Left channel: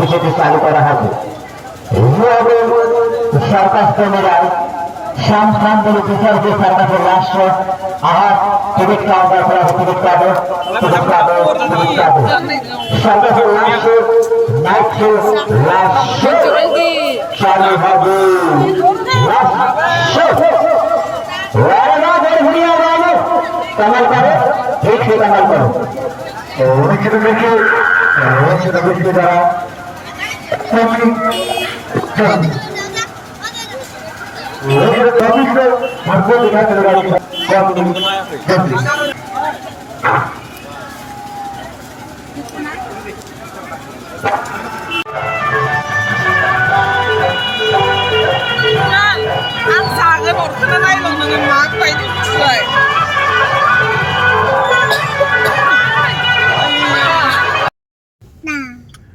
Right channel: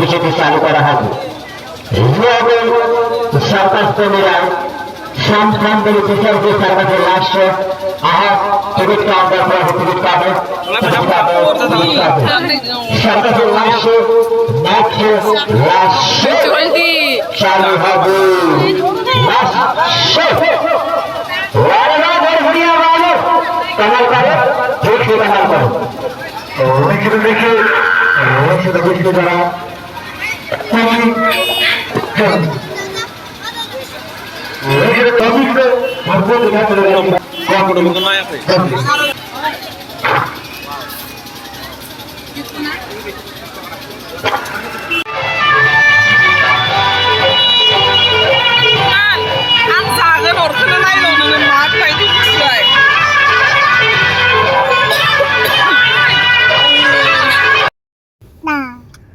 বিষয়টি চালু করা হবে। সরকার প্রেমীরাই সন্তানদের বিচারকে সরকারের রাষ্ট্র আহার টিকিট কাউন্টার করা হবে। টিকিট কাটে সরকারের রাষ্ট্র চালু হবে। দেখি যারা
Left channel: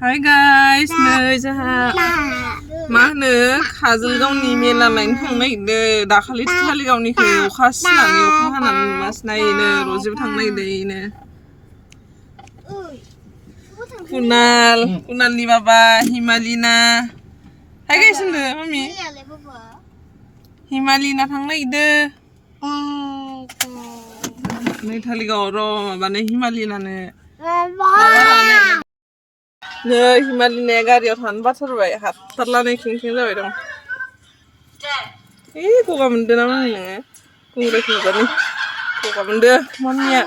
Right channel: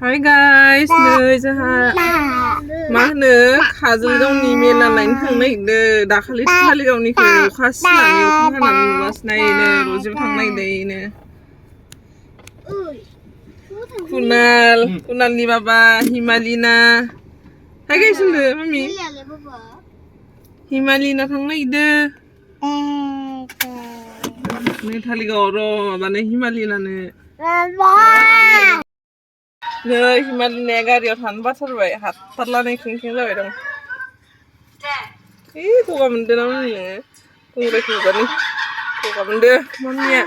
Hi guys, नै जोंहा मा होनो काजलगावनि मेला नायनो थांनो नागिरदों। दाखालि काजलगावनिखौ अखा सिनानै अखा हानानै नुवासै नायनो रजेबो थांनो नागिरदों। कुनालनि बाबा हिमालिना हाय गाइस होनदो मामि हिमालिना थांनो नागिरदों। नै काजलगावआव र' माबानो हिमालिनानो नै हिमालिनाया गारियाव थानो बाथारबाय हाथारलानाय खें जाबाय दं। गगा मोनदों ना मामिनो गंग्राय खोजानि गगा मोनदों मामिया।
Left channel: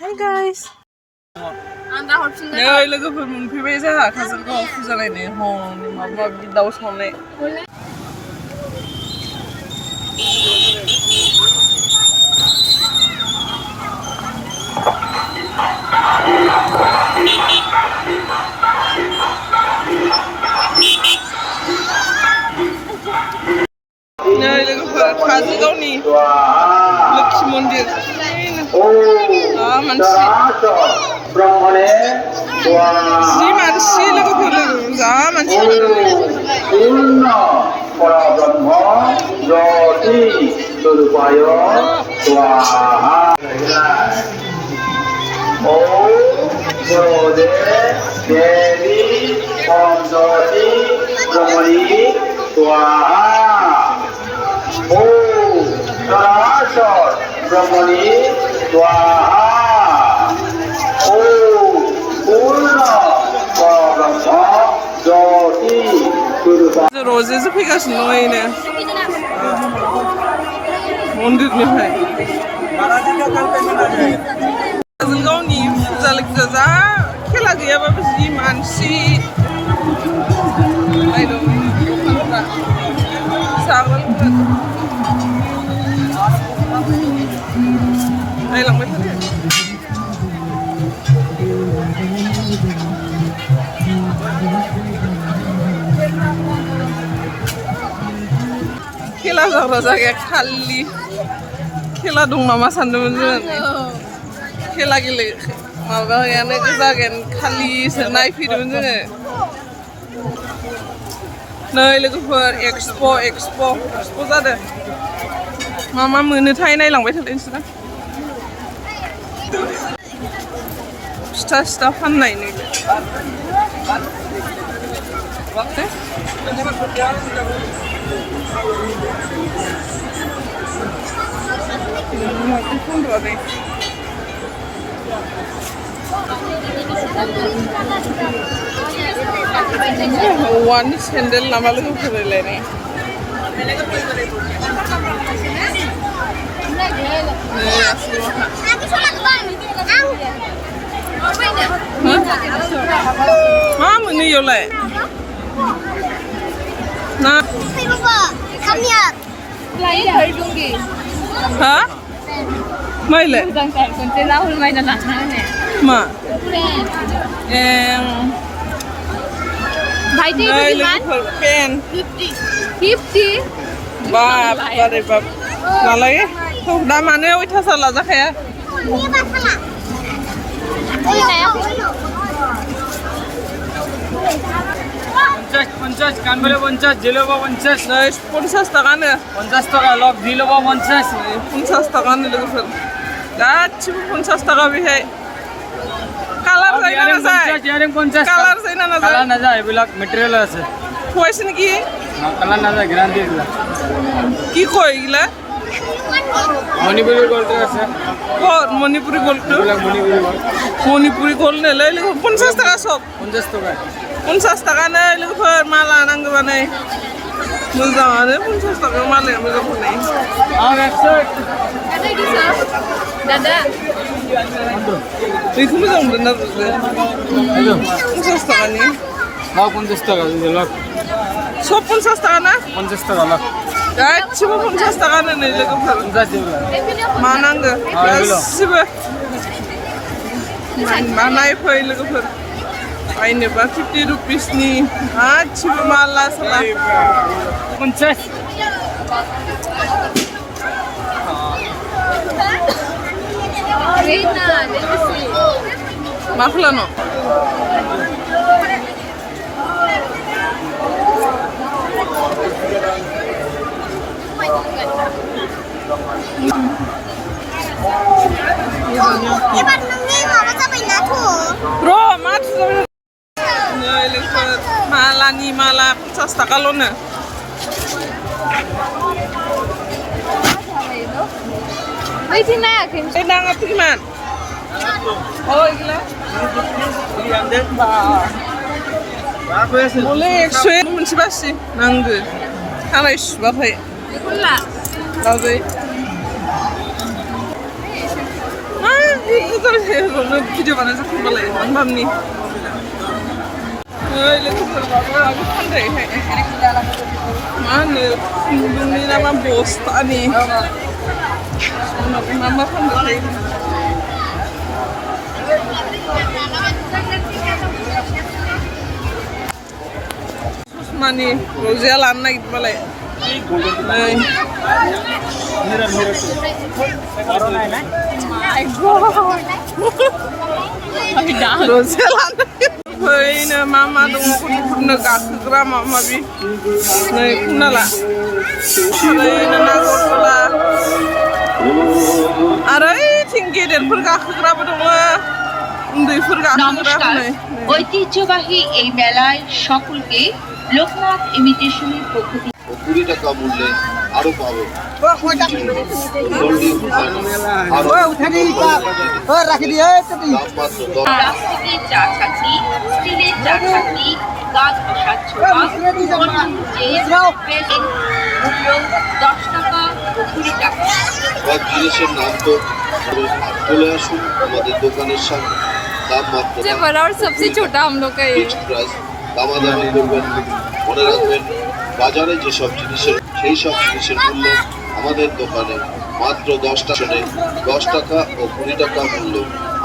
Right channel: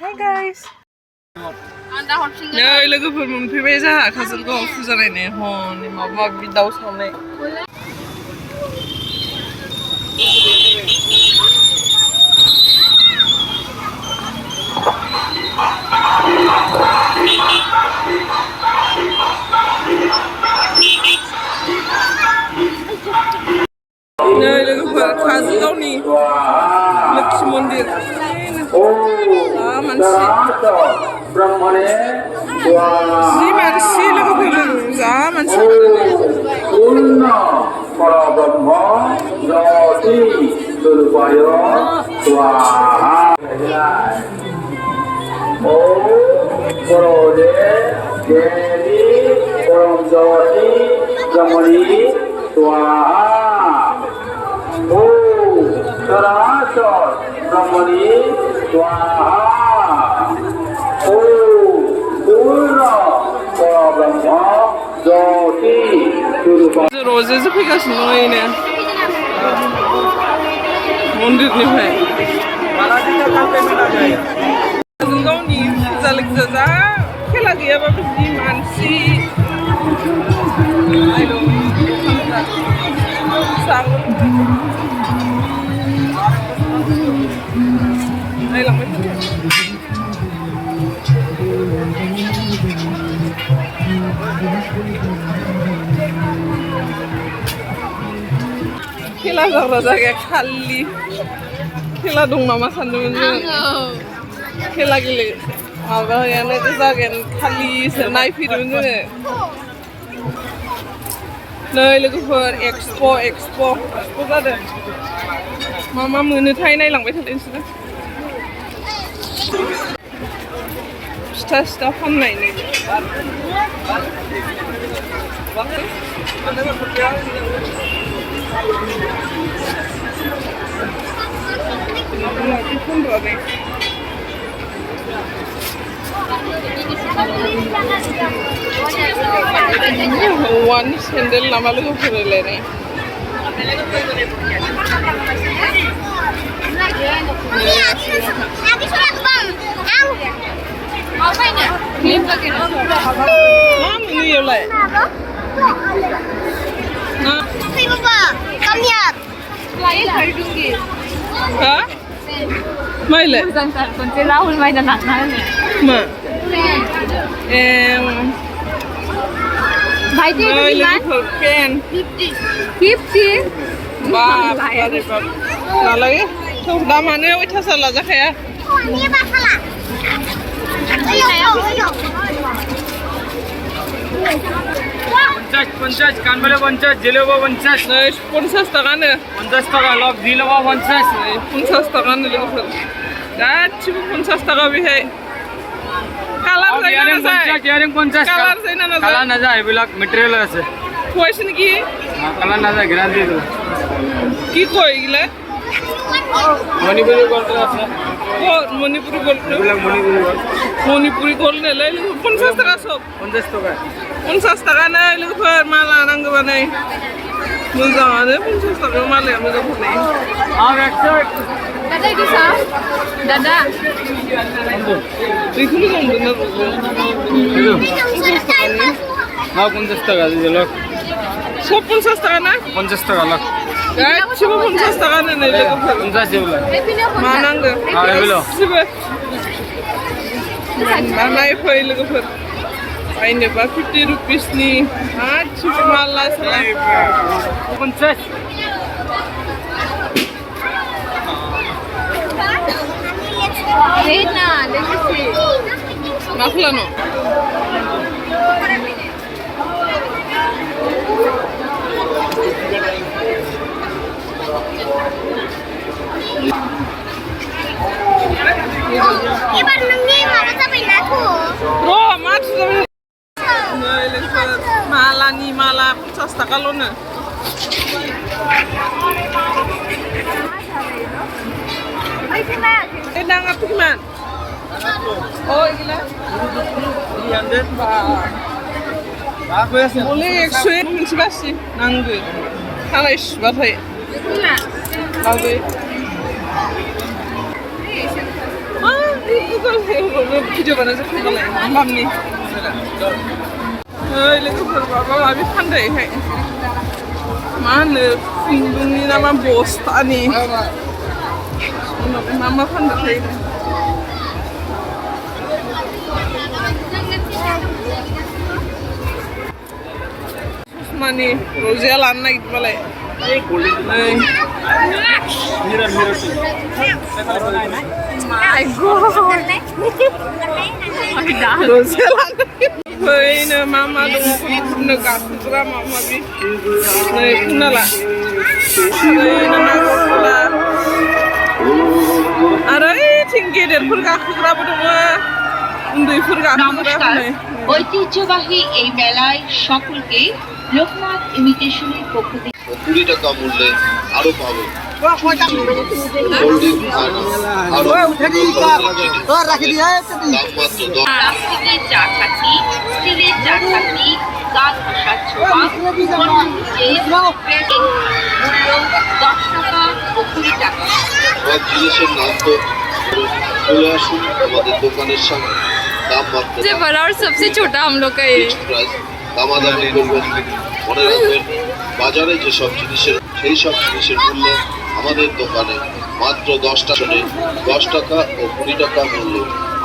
Hi guys नै लोगोफोर मोनफैबाय जोंहा काजलगावआव फुजा नायनो हनै माबा माबि दाउ सावनाय। नै लोगोफोर काजलगावनि लक्ष्मी मन्दिर मानसि जि मानसि लोगोफोर जा मानसि रजेसो फैगासिनो दं मन्दिरनिफ्राय काजलगावनि फुजा लोगोजा जा खेला गैयाबाबो जि मानसि जाग्रा लोंग्रा नायलांबाय थादो। खेला जाग्रा जायगाया खालि खेला दं नामा सानदोंमोन जों खेला गेले माबायानो जायगायानो खालिसो नायफैदोंमोन जोङो। नै लोगोफोर एक्सप' जादों। मा मोनोथाय नायलांबाय थादों नोंसोरो। फिथा फाननाय नैबे औवानि सेन्देल नामा लोगोफोरलायनाय मा मोनो इयावलाय हा माइलाय राहुल बायना लांना होनो मा नै लोगोफोर पेन 50 बाप रे बाप नालाय दामानो अयथासार लाजाखाया 50 কানবালে 50 জিলেবো 50 नै 50 टाकानो 50 টাকা লক জিলেবো 50 नै 50 टाकानो लोगोफोर गासिबो 50 टाका बेहाय কালার যায় না না যায় ইয়ারিং 50 কালার যায় না না যায় কালার না যায় এবিলাক ম্যাটেরিয়াল আছে কইছ নাকি কালার না যায় গ্যারান্টি দিলা কি কই এগুলা মণিপুরি গোল্ড আছে ও মণিপুরি গোল্ড মণিপুরি গোল্ড নেলে 50 টাকা সব 50 টাকা 50 টাকা नै लोगोफोर मा लानांगौबा नै मोजाङानो 50 टाकायाव मालाया मोजां हरनाय आं 100 दादा बेखौ मोजां मोनदों ना बुंदों 50 टाकानि मा 50 टाका लक सब 50 टाका ना 50 टाका लक गासिबो 50 टाकानो नै लोगोफोर 50 जेबला मा नांगौ गासिबो मा नायफै लोगोफोर बायनोबा 50 रुपिसनि गासिबो माला साला 50 Rena, legacy. मा खालामनो Iban mengingat masa pindah tuh. र' मा थुजाबाय नै लोगोफोर मालानि माला 50 टाकाल'नो Ay, sinayakin. ए नाङा तुमान अ इला मले 100 मोनसे बासि नांगो खानाय सुबाथाय Itulah. बाजै भिडिअ बानाय जाखांबालाय मामनि ओइ लोगोफोर माबा माबि फानदोंहाय मा होनो खुन्दुंनि ना मा बस्थानि उनाव मा मा फानदोंथाय ससमानि रजिया लानो नागिरदोंबालाय नै My God! रजिया लानो फैनो मा मा दङ गथ'फोरनो गाखोग्रा माबा माबि नै खोना ला ओरैनो नागरटला आरो ओइथिं गेदेरफोर गाखोग्राबो दङ उन्दैफोर गाखोग्रा नै ঐতিহ্যবাহী এই মেলায় সকলকে লোকনাথ ইমিটেশনের পক্ষ থেকে 20 টাকা মূল্যে আরো পাবে গোল্ডেন খানা আরো দাম মাত্র 10 প্লাস্টিকের চা ছাঁকি স্টিলের চা ছাঁকি গাছ ভাসার ছোঁয়া মূল্য 10 টাকা ও 20 টাকা সব জিনিসের নাম তো চলে আসুন আমাদের দোকানের সামনে দাম মাত্র सबसे बड़ा और सबसे छोटा हम लोग का ये প্রাইস দামাদামি করবেন মনে রাখবেন বাজারে যেসব জিনিসের সেই সব জিনিসের মূল্য আমাদের দোকানে মাত্র 10 টাকা 10 টাকা ও 20 টাকা মূল্য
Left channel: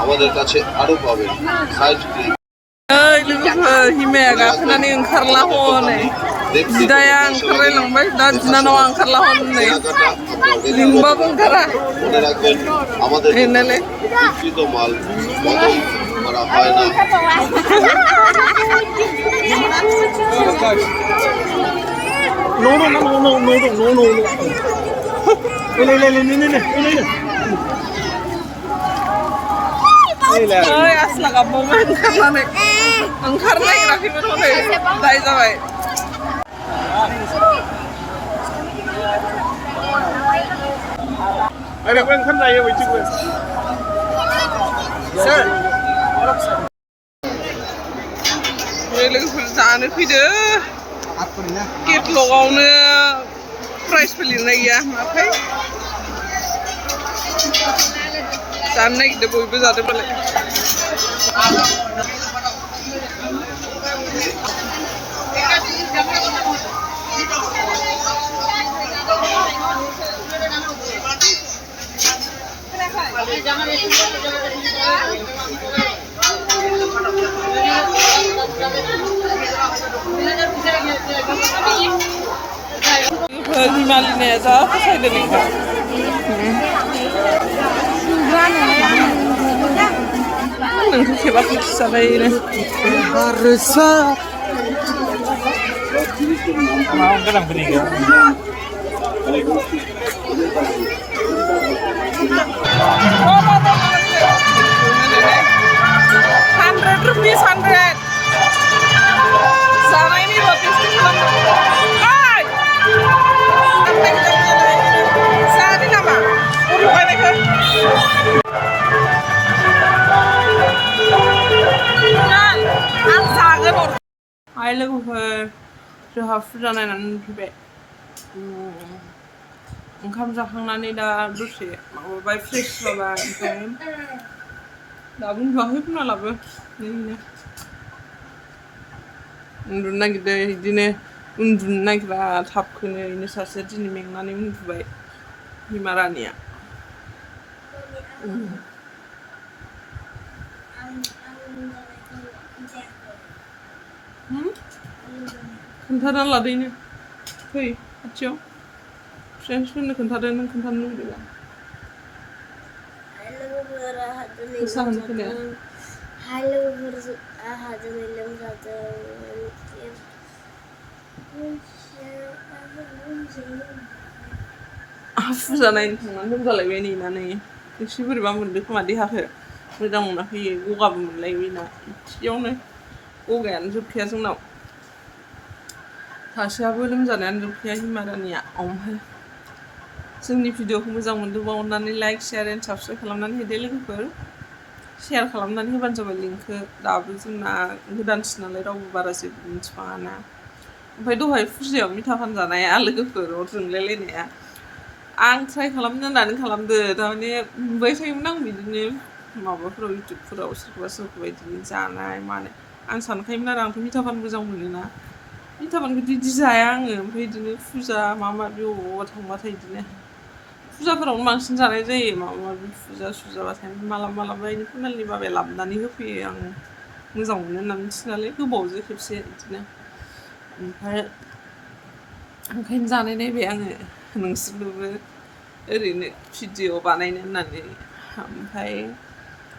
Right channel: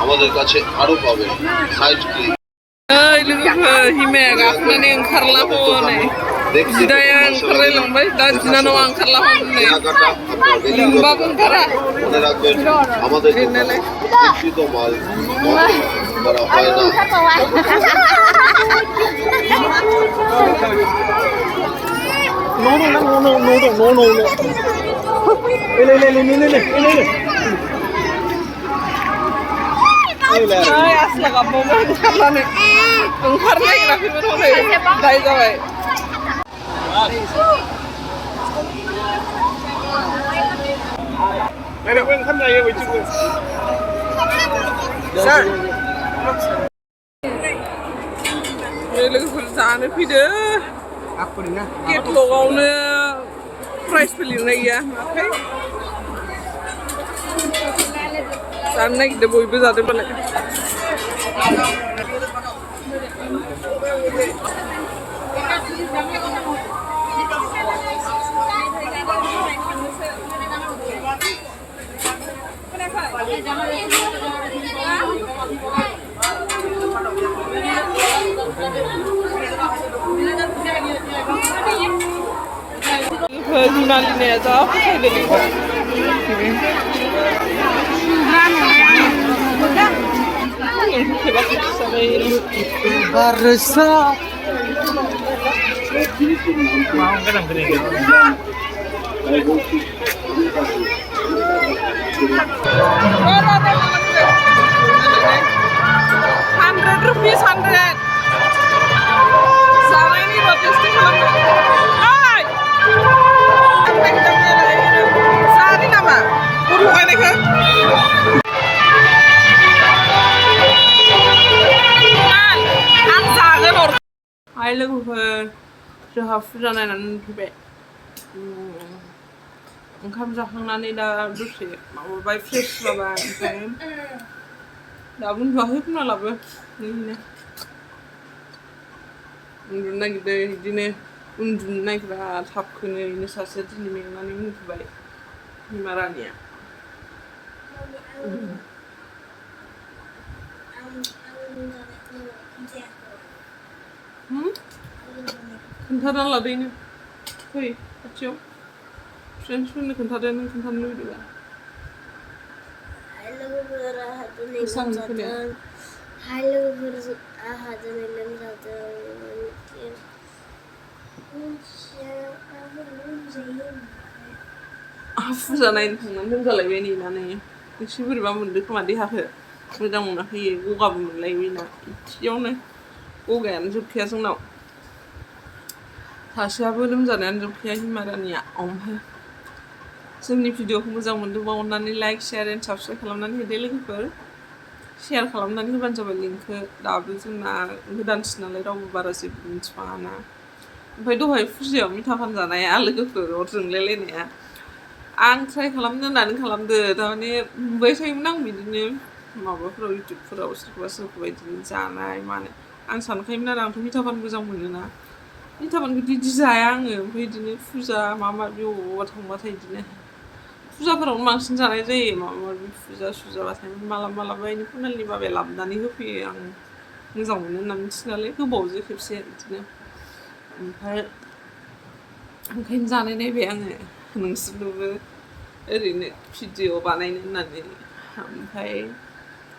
আমাদের কাছে আরো পাবেন সাইড ক্লিক ओइ लोगोफोर हिमाया गाखोनानै ओंखारला हनै बिदाया ओंखारलायलांबाय दा बिनानावा ओंखारला हनै কেনাকাটা আপনার लिंबाबो ओंखारा মনে রাখবেন আমাদের এনালে বিক্রিত মাল বদল করা হয় না ओइ आसला गाबबावबाय ओंखारनानै ओंखारनो नागिराखैमोन हनै दाय जाबाय लोगोफोर जानो फैदो केटलगावनो प्राइसफोर लिरनाय गैया माथाय जानो नागिरदों बयबो जादोंबालाय हिमालिनाया जा फसायदों नोंखौ खेबा खेबसे जाबाय Mau gonan ketiga. ₹100, 100. Sana ini roti film. Ay! Apa kita mana? Sana nama. Uru ini ke? Ang sana bor. Hai लोगोफोर जोंहा फुजा नायनानै फैबाय ओंखाम जाखांनानै दा दसे माबाबाय फ्रेश जाबाय ओमफ्राय दाबो उन्दुवाखै फुंनालाबो नैनो उन्दुनो नागिरदों बिदिनो उन्दुनो नागिरा थाबखौनो बेनो सासेया दिनै मेंनानै उन्दुबाय बिमा रानिया खोन्थाना लादोनो फै खाथियाव फ्रेन्ड्सफोरनो खोन्थादो नों खोन्थानो लुगैबा Hai लोगोफोर आंहा दिनै लोमजादों फुजा नायनो थांनानै लोमजालायबाय नेनानै एसे बोरैबा मोनदों खोमा देहाखौ मोजां मोनाखै गगाबो मोनलायबायना इथियावनो गगायानो जोबखाया जोंनाव सासेयाबो लोमजानायानो जोबखाया हिमारानिया ओमफ्राय जोंनि भिडिअखौ मोजां मोनदोंबा अननानै लाइक शेयार एन्ड साबस्क्राइब खालामनानै होदो लोगोफोर शेयार खालामनानै होबानो जाबाय लिंकखौ दाबो जोंना गोदानसो नालाय रावबो बारा जेबो मिथिबाङाना ओमफ्राय दहाय फुजायाव मिथा फानजानाया लोगोफोर अर जोंलायलायनाया आं ट्राइ खालामनो होननानै खालामदो थारमाने नुबाय थायोमोन आं बिदिनो माबाफोराव इउटुबफोराव सोरखौबा बिदिनो जानाय मानाय आं सानखायोमोन आरो आंथ' मिथा फान मोजां मोनोना मिथा फानखौ बिदि जाया आङो ओमफ्राय बिदिनो फुजा माबा माबि अबावबा थांबाथाय बिदिनो फुजाफोरावनो बांसिन जानाय जायो माबा माबि फुजा सुजाबाथाय मालाबा बेनि फुनालनि बाबाया लाबोनानै होफैयो आं मोजां मोनो होनना मिथियो नालाय गोबावजों खेबसे बिदिनो ओमफ्राय ओंखायनो जानाय नायबाय आङो नोंसोरनोबो ओरैनो भिडिअ बानायनो होननानै ओमफ्राय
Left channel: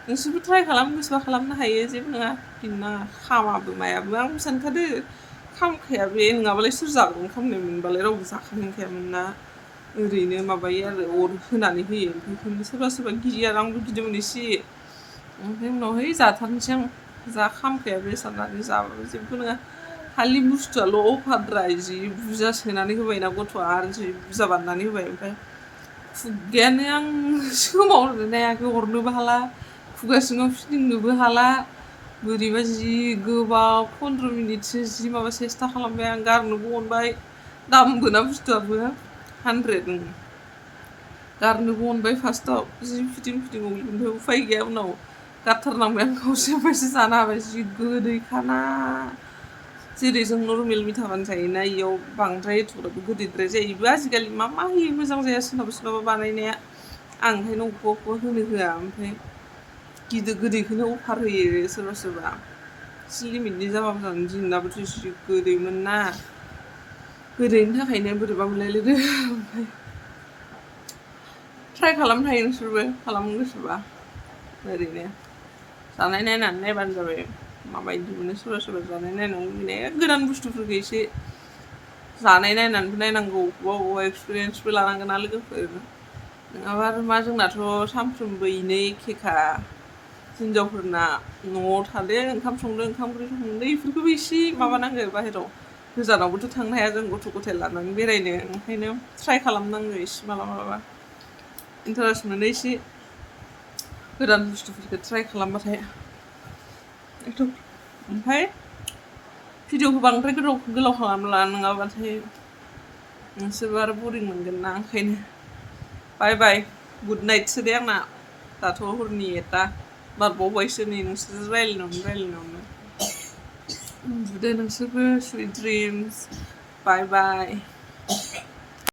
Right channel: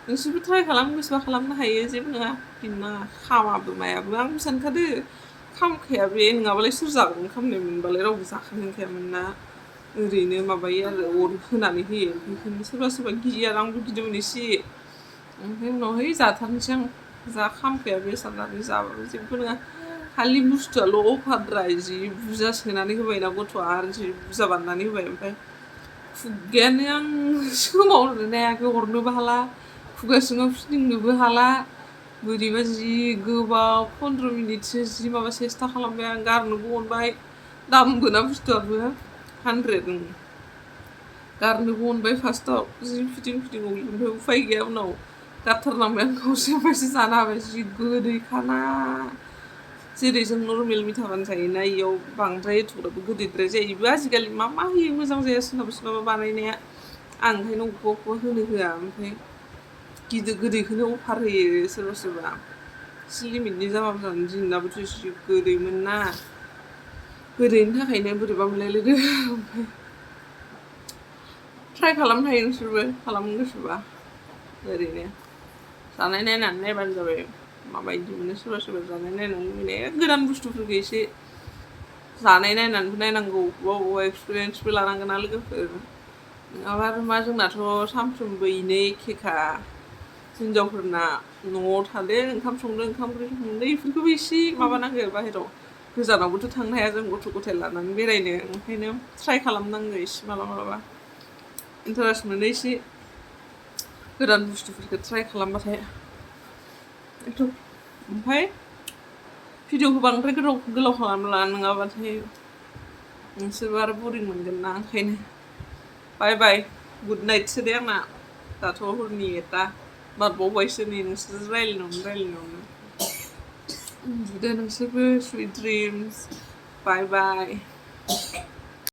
नोंसोरबो ट्राइ खालाम गोसोबा खालामनो हायो जेबो नङा गिनो नाङा खामाबो मायाबो आंबो सानखादो खामखाया बे नङाबालाय सोर जागोन खामनाय मोनबालाय रावबो जाखानो हाखायामोन ना ओरैनो माबायो आरो अर होनानै होयो ओमफ्राय सोरबा गियो आरो आंबो गिदोंमोन एसे ओमफ्राय उनाव है जाथारनोसै आं जा खामखाया बे साननानै जाबाबो जेबो नङा खालि बुस्थुआल' अभारद्राय जि बुरजा सोनानै होबायना गथ'आ आरो जि बुरजा बानायनानै होबाय ओमफ्राय खुगायानो आं सोमावनोनो हायाखै हरनोबो हाला खुगा सिङाव फिदिंनोबो हाला बोरैबा जि गोबाव 15 मिनिटसो जि माबा सेस्था खालामबाय आं गारनोबो अनबाय दामबो ना बुस्थुआबो 100 गारनोबो अनबाय फार्स्टआव जि फिदिं ओमफ्राय उफाय गैया उनाव गारथारनांबाय आं खावसे ओमफ्रायसो जानो हाबाय जि गोदैखाना जेरै जों नर्मेल मिथा फान जायोना इयाव बांद्राय एथ'ग्राबो गोदैद्राय जायो बेबो आजिखालि मा होयो मोजां जाया सोरनाबा बानायनाया आं ओंखायनो अबेखौबा होनो होआ ओमफ्राय गोदैखौनो अफार होयो सोरबा एसे लिमिटनि जाबाबो जानो दिनाबोथ' एसे गोदैमोन ना गोदैनि थाखायनो बोरैबा मोनलायलायदों ओमफ्राय ट्राइ खालामनो हायो नोंसोरबो खालामनो गोसोबा ओरैनो जानाय नायनानै नायबानो जाबाय माबायदि मोनो सोरबा जानाय नायनानै लुबैनाय गोदान बुस्थुफोरखौ एसे जानाय नायनानैबो नायनांगौ अबेबा एक्सपिरियेन्सबो लानांगोन ना लोगोफोर नङाबा आरो मा जोंनाथ' सानफ्रोमबो इनो एखेखा हिनजावफोरना न'आव थादो ओंखाम संदो ओंखाम ओंख्रि संदो बेफोरखौबो एसे माबानांगौ बाहेराव गोजानावबोथ' थांनो हाया जों गथ' गथाय लानानै बेरायनो ओंखायनो ट्राइ खालामनांगौ एसे मालाबा इन्टारेस्ट मोनो एसे गोदान बुस्थुफोरखौ ट्राइ खालामबाथाय ओमफ्राय भिडिअखौ बांद्राय गोलाव खालामला नङाबाथाय नोंसोरबो आरो बरिं मोनगोन ना ओंखायनो बाय बाय गुड नाइटसो दे आंना दाथ' हरनि 1टा बारबावबायसो नै नोंसोर रायज्लायनायावनो उन्दुदो नोंसोरबो सुइट ड्रिम्स बाय बाय